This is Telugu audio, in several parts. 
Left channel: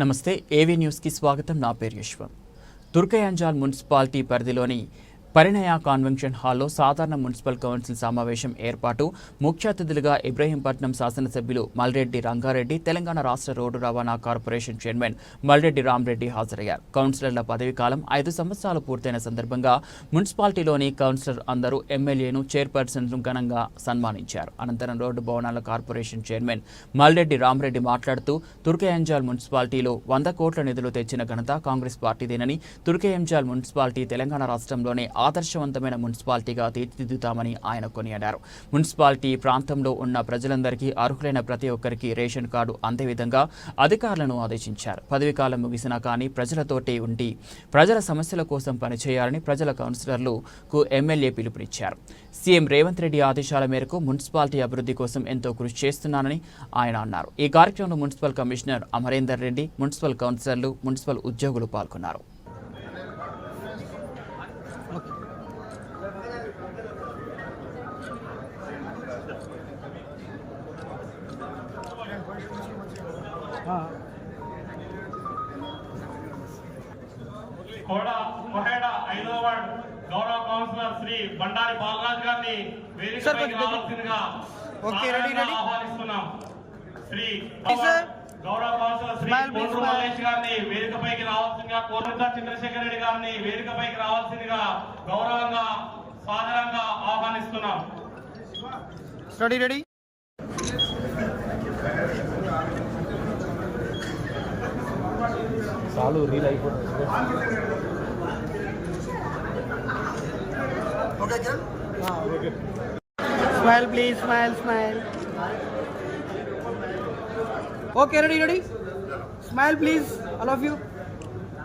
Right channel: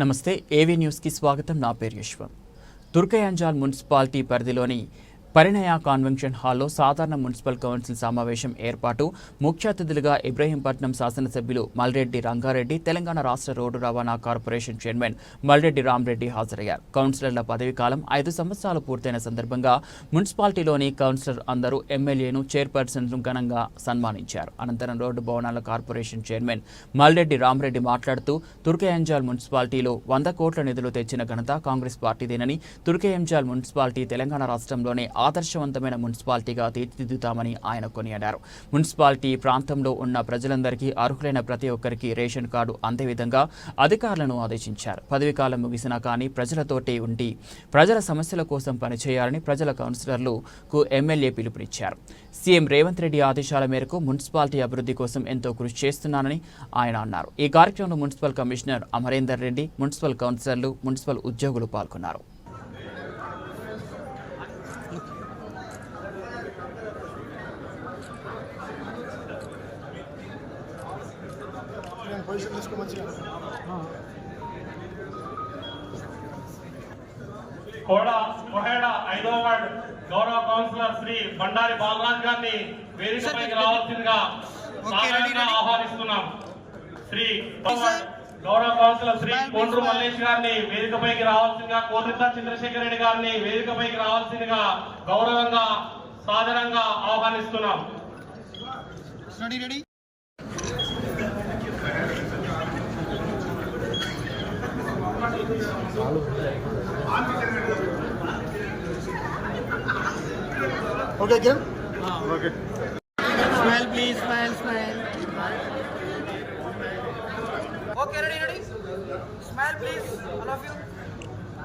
నమస్తే ఏవీ న్యూస్కి స్వాగతం? నా పేరు యశ్వం. దుర్గయాంజాల్ మున్సిపాలిటీ పరిధిలోని పరిణయ కాన్వెన్షన్ హాల్లో సాధారణ మున్సిపల్ కౌన్సిల్ సమావేశం ఏర్పాటు. ముఖ్య అతిథులుగా ఇబ్రహీంపట్నం శాసనసభ్యులు మల్రెడ్డి రంగారెడ్డి తెలంగాణ రాష్ట్ర రోడ్డు రవాణా కార్పొరేషన్ చైర్మన్ మల్రెడ్డి రామరెడ్డి హాజరయ్యారు. కౌన్సిలర్ల పదవీ కాలం ఐదు సంవత్సరాలు పూర్తయిన సందర్భంగా మున్సిపాలిటీలోని కౌన్సిలర్ అందరూ ఎమ్మెల్యేను చైర్పర్సన్ను ఘనంగా సన్మానించారు. అనంతరం రోడ్డు భవనాల కార్పొరేషన్ చైర్మన్ మల్రెడ్డి రామరెడ్డి మాట్లాడుతూ తుర్కయాంజాల్ మున్సిపాలిటీలో వంద కోట్ల నిధులు తెచ్చిన ఘనత కాంగ్రెస్ పార్టీదేనని తుర్కయాంజాల్ మున్సిపాలిటీ తెలంగాణ రాష్ట్రంలోనే ఆదర్శవంతమైన మున్సిపాలిటీగా తీర్చిదిద్దుతామని ఆయన కొనియాడారు. మున్సిపాలిటీ ప్రాంతంలో ఉన్న ప్రజలందరికీ అర్హులైన ప్రతి ఒక్కరికి రేషన్ కార్డు అందే విధంగా అధికారులను ఆదేశించారు. పదవీకాలం ముగిసినా కానీ ప్రజలతోటే ఉండి ప్రజల సమస్యల కోసం పనిచేయాలని ప్రజల కౌన్సిలర్లకు ఎమ్మెల్యే పిలుపునిచ్చారు. సీఎం రేవంత్ రెడ్డి ఆదేశాల మేరకు మున్సిపాలిటీ అభివృద్ధి కోసం ఎంతో కృషి చేస్తున్నానని ఆయన అన్నారు. ఈ కార్యక్రమంలో municipal commissioner Amarender Reddy municipal కౌన్సిలర్లు మున్సిపల్ ఉద్యోగులు పాల్గొన్నారు. కోడ కోహేడ ఐదవ వార్డ్ గౌరవ కౌన్సిలర్ శ్రీ బండారి బాలరాజ్ గారిని వేదికపైకి రావాల్సిందిగా. ఆహ్వానిస్తున్నాం శ్రీ. గౌరవ కౌన్సిలర్ శ్రీ కొండ్రు. మల్లేష్ గారిని వేదికపైకి రావాల్సిందిగా కోరుతా చంద్రశేఖర్ రెడ్డి గారిని వేదికపైకి రావాల్సిందిగా గౌరవంగా సాదరంగా ఆహ్వానిస్తున్నాం ready ready okay Kiran okay smile please smile smile okay ready ready smile please all of you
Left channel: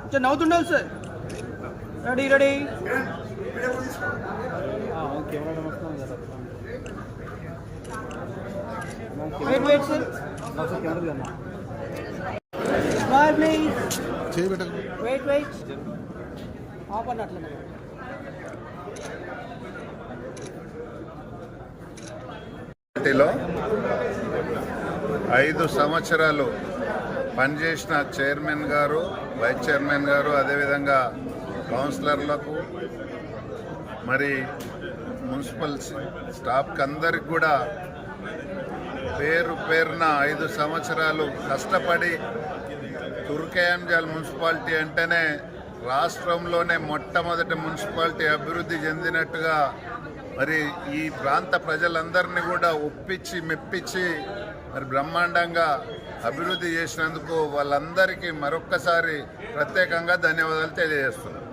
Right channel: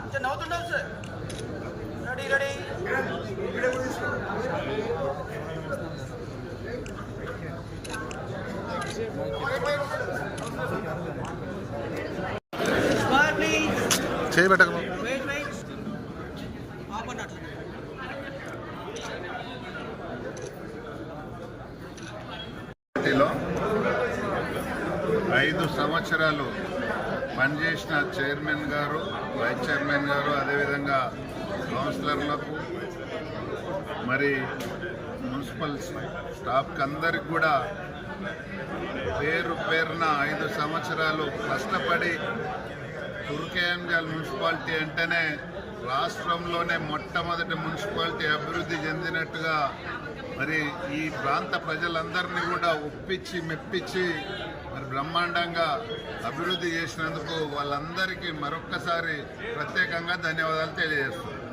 కొంచెం నవ్వుతుండాలి sir ready ready wait wait sir smile please చేయబెట్టక పార్టీలో ఐదు సంవత్సరాలు పనిచేసిన చైర్మన్ గారు వైస్ చైర్మన్ గారు అదేవిధంగా కౌన్సిలర్లకు మరి మున్సిపల్ స్టాఫ్కి అందరికి కూడా పేరు పేరున ఐదు సంవత్సరాలు కష్టపడి తుర్కయాంజల్ మున్సిపాలిటీ అంటేనే రాష్ట్రంలోనే మొట్టమొదటి మున్సిపాలిటీ అభివృద్ధి చెందినట్టుగా మరి ఈ ప్రాంత ప్రజలందరినీ కూడా ఒప్పించి మెప్పించి మరి బ్రహ్మాండంగా అభివృద్ధి చేసినందుకు వాళ్ళందరికీ మరొక్కసారి ప్రత్యేకంగా ధన్యవాదాలు తెలియజేస్తున్నాను.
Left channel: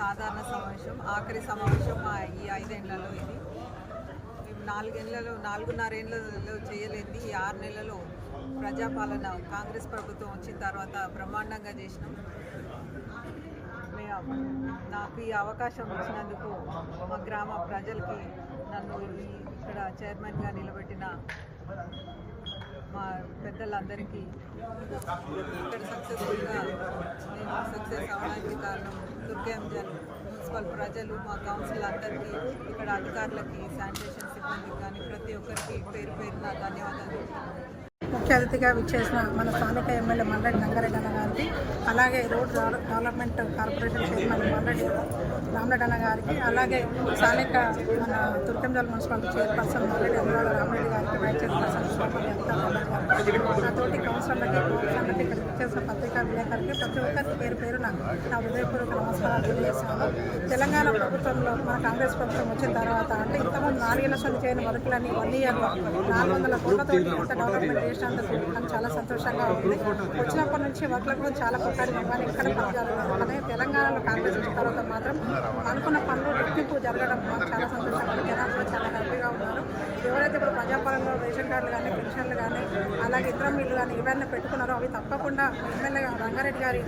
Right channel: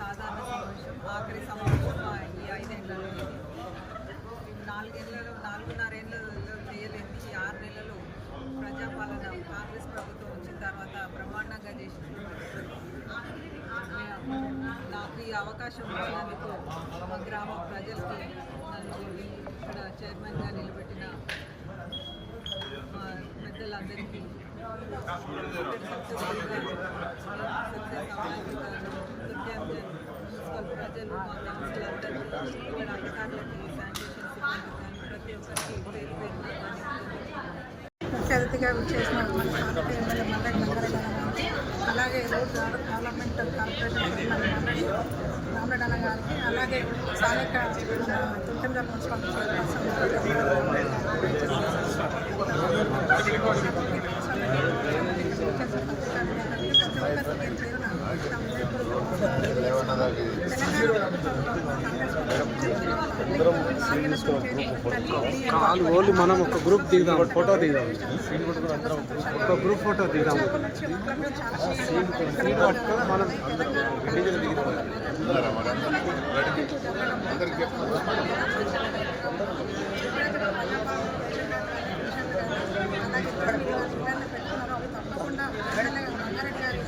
సాధారణ సమావేశం ఆఖరి సమావేశం ఈ ఐదేళ్ళలో చేయలేదు ఈ ఆరు నెలలలో ప్రజాపాలన కాంగ్రెస్ ప్రభుత్వం వచ్చిన తర్వాత బ్రహ్మాండంగా చేసినాం. నాకు ఈ అవకాశం ఇచ్చినందుకు మా గ్రామ ప్రజలకి నన్ను ఇక్కడ చైర్మన్గా నిలబెట్టిన మా పెద్దలందరికీ సక్సెస్ఫుల్గా సక్సెస్ అవడానికి కారణం దుర్గాంజన్ మున్సిపల్ ప్రజలు మా కౌన్సిల్ అందరికీ ఇక్కడ అధికారులకి శానిటేషన్ సిబ్బంది కానీ ప్రతి ఒక్కరికి పేరు పేరున ధన్యవాదాలు. చెప్తున్నాను ముఖ్య అతిథిగా విచ్చేసిన మన స్థానిక ఎమ్మెల్యే మల్లెడ్డి రంగారెడ్డి గారికి అలాగే road development corporation chairman Malreddy Ramareddy గారికి అలాగే స్థానిక మన తుర్కంజల్ మున్సిపాలిటీ చైర్పర్సన్ మల్లెడ్డి అనురాధ రామరెడ్డి గారికి వైస్ చైర్మన్ నాతోటి కౌన్సిలర్లకి కౌన్సిలర్లకి విచ్చేసిన పత్రికా విలేకరులకి ప్రతి ఒక్కరికి పేరు పేరున నా హృదయపూర్వక నమస్కారాలు తెలియజేస్తున్నాను. తెలంగాణ ప్రభుత్వంలో మన కాంగ్రెస్ ప్రభుత్వం వచ్చిన తర్వాత అంటే ఇంతకుముందు నాలుగు లక్షలు చేయని వన్ ఇయర్ చేసినందుకు చాలా సంతోషంగా. వచ్చినప్పటి నుంచి వర్క్ల కూడా చాలా కొట్టారు ఇక్కడ తెలంగాణలో కాంగ్రెస్ తర్వాత మాత్రం అనుకున్న పనులు రెట్టింపు జరగడం నాకు చాలా సంతోషంగా చాలా హ్యాపీగా ఉన్నారు ఎవరైతే ప్రజాపాలనలో రేషన్ కానీ పెన్షన్లు కానీ అలాగే ఇతర మీరు కానీ ఏమైనా పెట్టుకున్నారో అవి తప్పకుండా ఎమ్మెల్యే రంగారెడ్డి గారి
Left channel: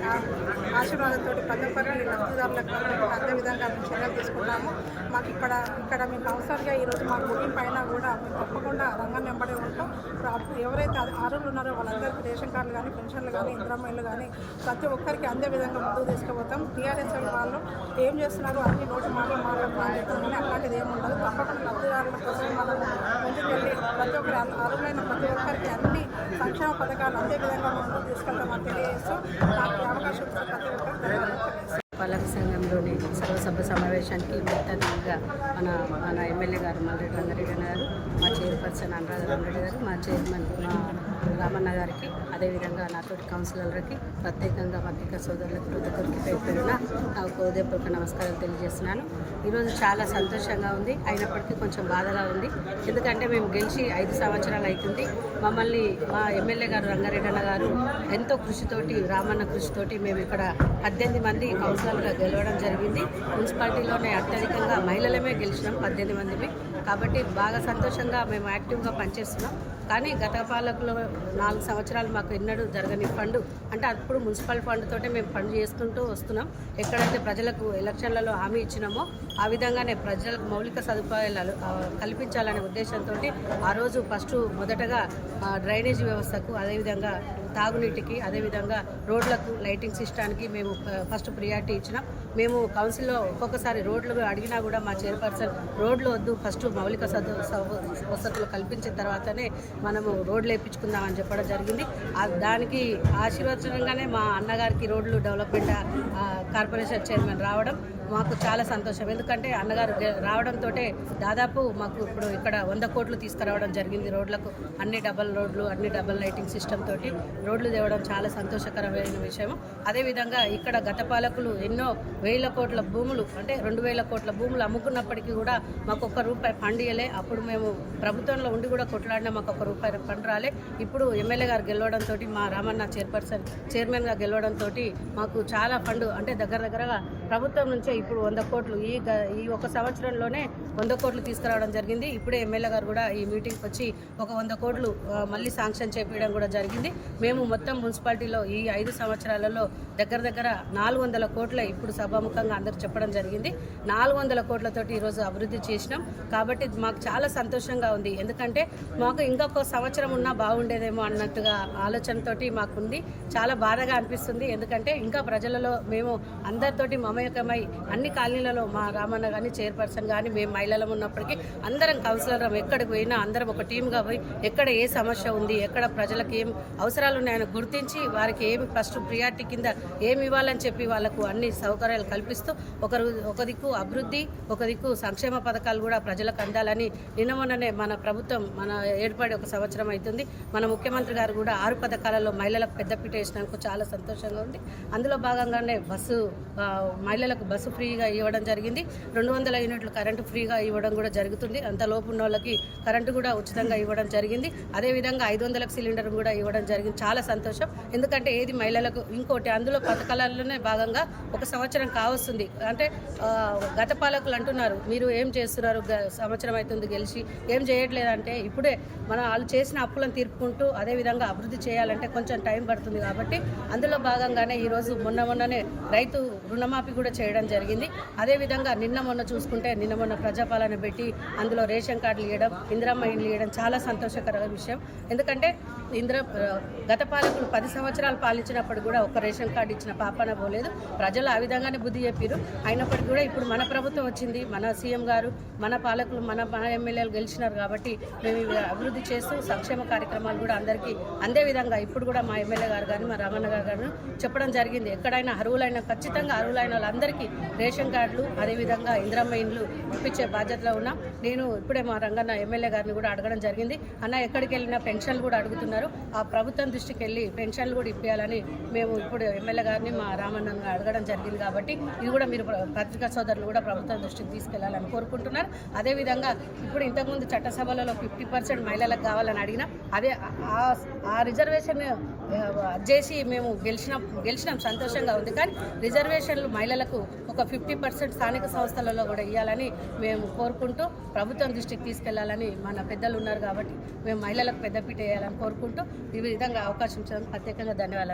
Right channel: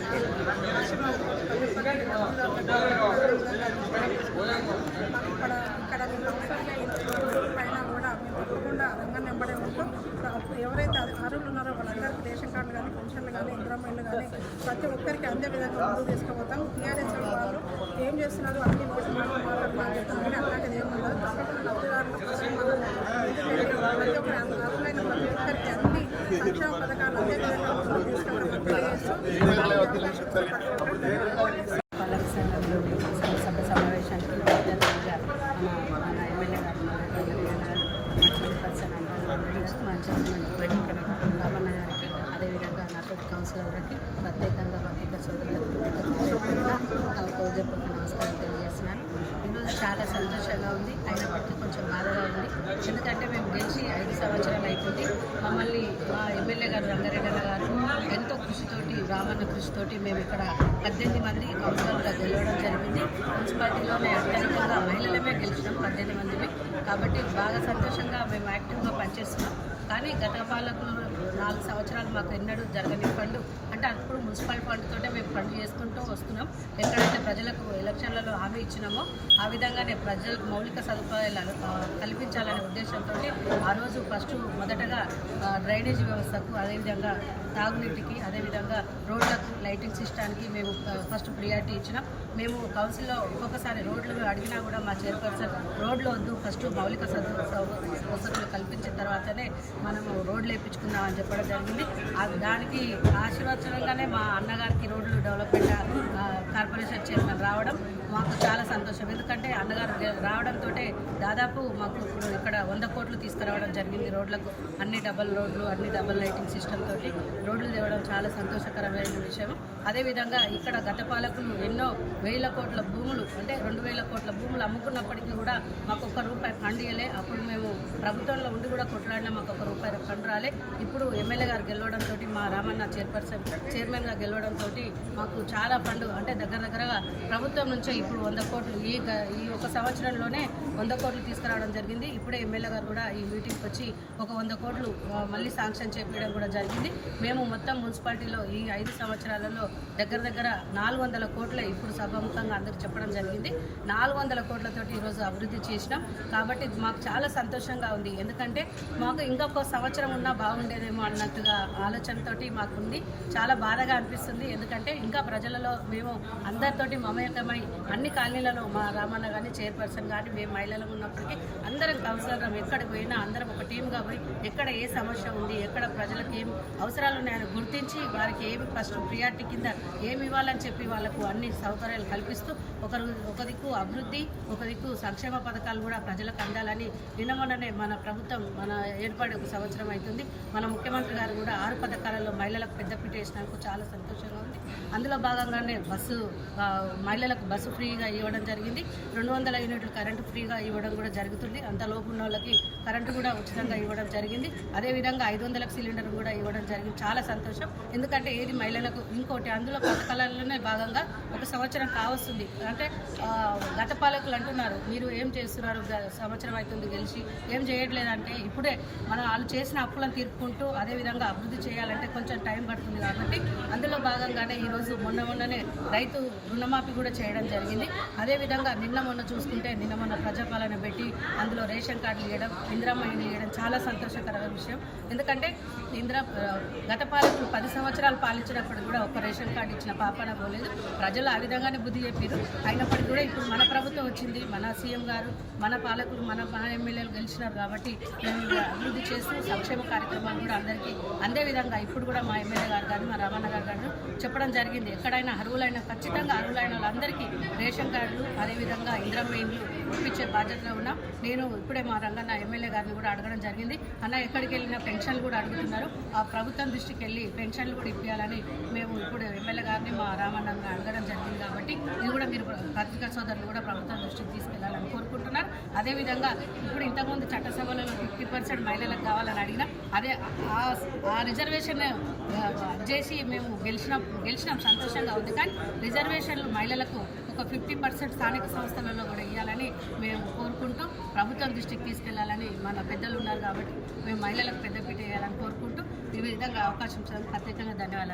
ఆశీర్వాదంతో పల్లెపల్లి ఒక్కరికి లబ్ధిదారులకు అదే విధంగా చర్యలు తీసుకుంటాము. ఇక్కడ ఇక్కడ మేము కౌన్సిలర్గా ఈరోజు మా గుడి పైన కూడా మేము తప్పకుండా రంగం వెంబడే ఉంటూ. ఎవరైతే అర్హులు ఉన్నారో వాళ్ళందరికీ రేషన్ కార్డులు కానీ పెన్షన్లు కానీ ఇంద్రమైళ్ళు కానీ ప్రతి ఒక్కరికి అందే విధంగా ముందుకు తీసుకుపోతాం. టీఆర్ఎస్ వాళ్ళు ఏం చేస్తున్నారు అన్ని నోటి మాటలు మాట్లాడుతున్నారు చెప్తున్నాం కానీ అట్లాంటిది ఏమి ఉండదు. తప్పకుండా లబ్ధిదారుల కోసం మనం ముందుకెళ్ళి ప్రతి ఒక్కరి అర్హులైన ప్రతి ఒక్కరికి అన్ని సంక్షేమ పథకాలు అందే విధంగా ముందుకు తీసుకెళ్తామని తెలియజేస్తూ నాకు అవకాశం ప్రతి ఒక్కరికి సమావేశానికి ముఖ్య మన మన ఎమ్మెల్యే గారు మల్రెడ్డి గారు ఉన్నారు. మా చైర్పర్సన్ అనురాధ రెడ్డి గారు మా చైర్మన్ రామన్న గారికి అదేవిధంగా నాతో కౌన్సిలర్లకి ప్రత్యేకంగా పత్రిక సోదరులకు ప్రతి ఒక్కరికి పేరు నా నమస్కారం తెలియజేస్తున్నాను. ఈరోజు చాలా సంతోషంగా ఉంది. అయినప్పటికీ కొంచెం బాధగా ఉంది. ఎందుకంటే మేము గెలిచి ఐదు సంవత్సరాలు అవుతుంది మమ్మల్ని మా ఎమ్మెల్యే గారు రంగారెడ్డి గారు ఎంతో కృషితోటి రామన్న కృషితోటి మేము ఇక్కడ పద్దెనిమిది మంది కౌన్సిలర్గా గెలవడం జరిగింది. మున్సిపాలిటీలోనే అత్యధికంగా మహిళలమే గెలిచినాం పద్దెనిమిది మందిని. కాబట్టి బాగా సంతోషంగా మేము యాక్టివ్గా పనిచేస్తున్నాం. కానీ గత పాలకులు నాలుగు సంవత్సరాలు మాకు ఎన్నడూ జరగని ఫండ్ అంటే అప్పుడు మున్సిపల్ ఫండ్ తోటే మేము ఫండ్ చేసుకుంటూ వస్తున్నాం. ఎక్కడైతే ప్రజలకు ఎలక్షన్లలో హామీ ఇచ్చినామో ఆ విధంగానే ప్రజలకు మౌలిక సదుపాయాలు కల్పించాలనే ఉద్దేశంతో ఆ రోజు ఫస్ట్ మొదటగా డ్రైనేజ్ డ్రైనేజీ వ్యవస్థకు అదేవిధంగా తాగునీటికి అదేవిధంగా రోడ్లకు లైటింగ్ సిస్టానికి మేము ఫస్ట్ ప్రియారిటీ ఇచ్చినాం. మేము కౌన్సిల్లో ఒక్కొక్కసారి రోడ్లు అడిగినా కూడా మా చైర్పర్సన్ రోడ్లు వద్దు ఫస్ట్ మౌలిక సదు వసతులు కల్పించిన తర్వాతనే మనము రోడ్లు వేయించుకుందాం అని చెప్పడం జరిగింది. దానికి ఆశీర్వచనంగానే మా అన్నగారికి రోడ్లు డెవలప్మెంట్ కార్పొరేషన్ చైర్మన్ రావడం మాకు చాలా సంతోషం. ఎందుకంటే అన్నగారు రావడంతో దాదాపు మాకు ఇప్పుడు ఇక్కడ వంద కోట్లు తీసుకురావడం జరిగింది రోడ్లకు. అన్ని డబల్ రోడ్లు అన్ని డబల్ లైటింగ్ సిస్టమ్ తోటి రోడ్లు తేవడం చాలా సంతోషకరమైన విషయం అదేవిధంగా ఇక్కడ గత పాలకులు ఎన్నో వేల కోట్ల భూములు అంటే రెండు వేల కోట్ల భూములు అమ్ముకున్నప్పటికీ కూడా మాకు ఒక్క రూపాయి ఫండ్ ఇవ్వలే అప్పుడు మేము ప్రభుత్వంలో ఉండి కూడా కొట్లాడినా మాకు ఒక రూపాయి ఫండ్ రాలే. ఇప్పుడు ఎమ్మెల్యే గారు గెలవడంతో మా రామన్న చైర్పర్సన్ చైర్మన్గా గెలవడంతో మాకు చాలా ఫండ్ అంటే దగ్గర దగ్గరగా ప్రభుత్వం నుంచే ఇప్పుడు వంద కోట్లు ఈ గ- ఈ ఒక సంవత్సరంలోనే వంద కోట్లు తీసుకురావడం జరిగింది. ఇప్పుడే ఎమ్మెల్యే గారు కూడా ఈ మీటింగ్కి వచ్చి ఒక వంద కోట్లు మళ్ళీ శాంక్షన్ చేపించడం కూడా జరిగింది. మేము మొత్తం మున్సిపాలిటీలో ఈ ఐదు సంవత్సరాలలో దగ్గర దగ్గర నాలుగు వందల కోట్ల ఇప్పుడు సభాముఖంగా అందరు చెప్పడం జరిగింది. నాలుగు వందల కోట్లతోటి ఈరోజు అభివృద్ధి చేసినాం. కాబట్టి మాకు చాలా సంతోషంగా ఉంది. ఎందుకంటే మాకు ఇంకొక సంవత్సరం ఉన్నా బాగుండేదేమో అన్నట్టుగా ఆలోచనతోటి మాకుంది. చాలా బాధగా అనిపిస్తుంది. ఎందుకంటే ఇంకా ప్రజలలో మేము అందరితోటి మమేకమై అన్ని కాలనీలలో మా రామన్న కానీ చైర్పర్సన్ కానీ మేము మహిళలం ఉన్నప్పటికీ అందరం కౌన్సిలర్ ఎక్కడికి పోయినా అందరం ఒక టీమ్గా పోయి ఎక్కడ ఏ సమస్య ఉంది ఎక్కడ ప్రజలకు ఏం అవసరాలు ఉన్నాయని గుర్తించి వారికి ఏమి ఫస్ట్ ప్రియారిటీ కింద ఏమి ఇవ్వాలని చెప్పి వాళ్ళకు అన్ని సౌకర్యాలు కల్పిస్తూ ఒకరు ఒక దిక్కు అభివృద్ధి ఒక దిక్కు సంక్షేమ పథకాలు కూడా ప్రజలకు అందాలని నిన్న మొన్ననే మన ప్రభుత్వం మన ఏర్పడి ఒక సంవత్సరం అవుతుంది. మన ముఖ్యమంత్రి గారు కూడా ఆరు పథకాలలో మహిళలకు పెద్దపీట వేసినందుకు చాలా సంతోషంగా ఉంది. అందులో భాగంగానే బస్సు మహిళలకు బస్సు ఫ్రీగా ఇవ్వడం జరిగింది. రెండు వందల యూనిట్లు కరెంటు ఫ్రీగా ఇవ్వడం కూడా జరుగుతుంది. అంత లోపు ఉన్న వాళ్ళకి కరెంటు కూడా ఉచితంగా ఇవ్వడం జరిగింది. అదేవిధంగా ఐదు వందలకు సిలిండర్ కూడా ఇవ్వడం జరిగింది. చాలా సంతోషం. ఎందుకంటే ఏది మహిళలకు ఇంకోటి అందులో పథకాలలోనే భాగంగా ఒక సంవత్సరం కావస్తుంది. అంటే గత పాలకులు అంటున్నారు మీరు ఏం చేస్తున్నారు? గ- సంవత్సరం అవుతుంది గెలిచి ఏం చేయట్లేదంటే ఇప్పుడే మనం వాళ్ళు చేసిన అప్పులను తీర్పుకుంటూ అదేవిధంగా అభివృద్ధి చేయాలంటే కొంచెం టైం పడుతుంది కాబట్టి అందులో భాగంగానే ఈరోజు మొన్న మొన్ననే రైతు రుణమాఫీ కూడా చేయడం జరిగింది. అదేవిధంగా నిన్న మొన్న చూసుకుంటే నిన్న మొన్న ప్రజాపాలన పెట్టి అందులో రేషన్ కార్డులు ఇవ్వడం ఇందిరమ్మ ఇండ్లు ఇవ్వడం చాలా సంతోషకరమైన విషయం. ఎందుకంటే ఇందిరా గత పాలకులు పది సంవత్సరాలు పాలించినప్పుడు కూడా ఒక రేషన్ రేషన్ కార్డు ఇచ్చిన పాపన పోలేదు. ప్రజలు ఆ విధంగానే బుద్ధి చెప్పారు అయినప్పటికీ కూడా ఇప్పుడు మన ప్రభుత్వం వచ్చింది. మన సీఎం గారు మన పాలకులు మన మన ఎమ్మెల్యేలు గెలిచినారు కాబట్టి మేము అభివృద్ధి చేస్తూ సంక్షేమ కార్యక్రమాలు కూడా అందరికీ అందే విధంగా ఇప్పుడు కూడా మా ఎమ్మెల్యే గారు కానీ మా రామన్న గారు కానీ చెప్పడం జరిగింది. ఎక్కడైనా అర్హులైన ఖచ్చితంగా అర్హులైన వాళ్ళందరికీ రేషన్ కార్డులు అదేవిధంగా ఇంద్రమ్మ ఇండ్లు ఇప్పించే బాధ్యతలో ఉన్నాం. నేను ఇప్పుడే మా రంగన్న ఎమ్మెల్యే గారిని కూడా అడగడం జరిగింది. అన్న ఎక్కడికి వెళ్ళినా పెన్షన్లు కూడా అడుగుతున్నారు. ఆ ప్రభుత్వం దృష్టికి వెళ్ళి పెన్షన్లు కూడా ఇప్పించాలని మేము ఇప్పుడు ఎమ్మెల్యే గారిని మా రామన్నను అడగడం జరిగింది కాబట్టి ఇది కూడా మీరు పత్రికా సోదరులు కూడా ప్రభుత్వం దృష్టికి తీసుకెళ్ళాలని కోరుకుంటున్నారు. అదేవిధంగా ఇప్పుడు ఇంతకుముందు చట్టసభలలో ఫిఫ్టీ పర్సెంట్ మహిళలకు కావాలని అడిగినా అదే ఆ- రిజర్వేషన్ చేసి మేము గెలిచిన గెలిచినాం సంతోషంగా ఉంది. కానీ రిజర్వేషన్లు మహిళలకు ఒక ఫిఫ్టీ పర్సెంట్ స్థానిక సంస్థలలో కూడా ఇవ్వాలని మేము కోరుకుంటూ ప్రభుత్వం దృష్టికి తీసుకెళ్ళాలని మన పెద్దలు ఉన్నారు కాబట్టి మేము మహిళలకు పెద్దపీట వేయాలని కోరుకుంటూ ఈ విధంగా అవకాశం ప్రత్యేకంగా ధన్యవాదాలు.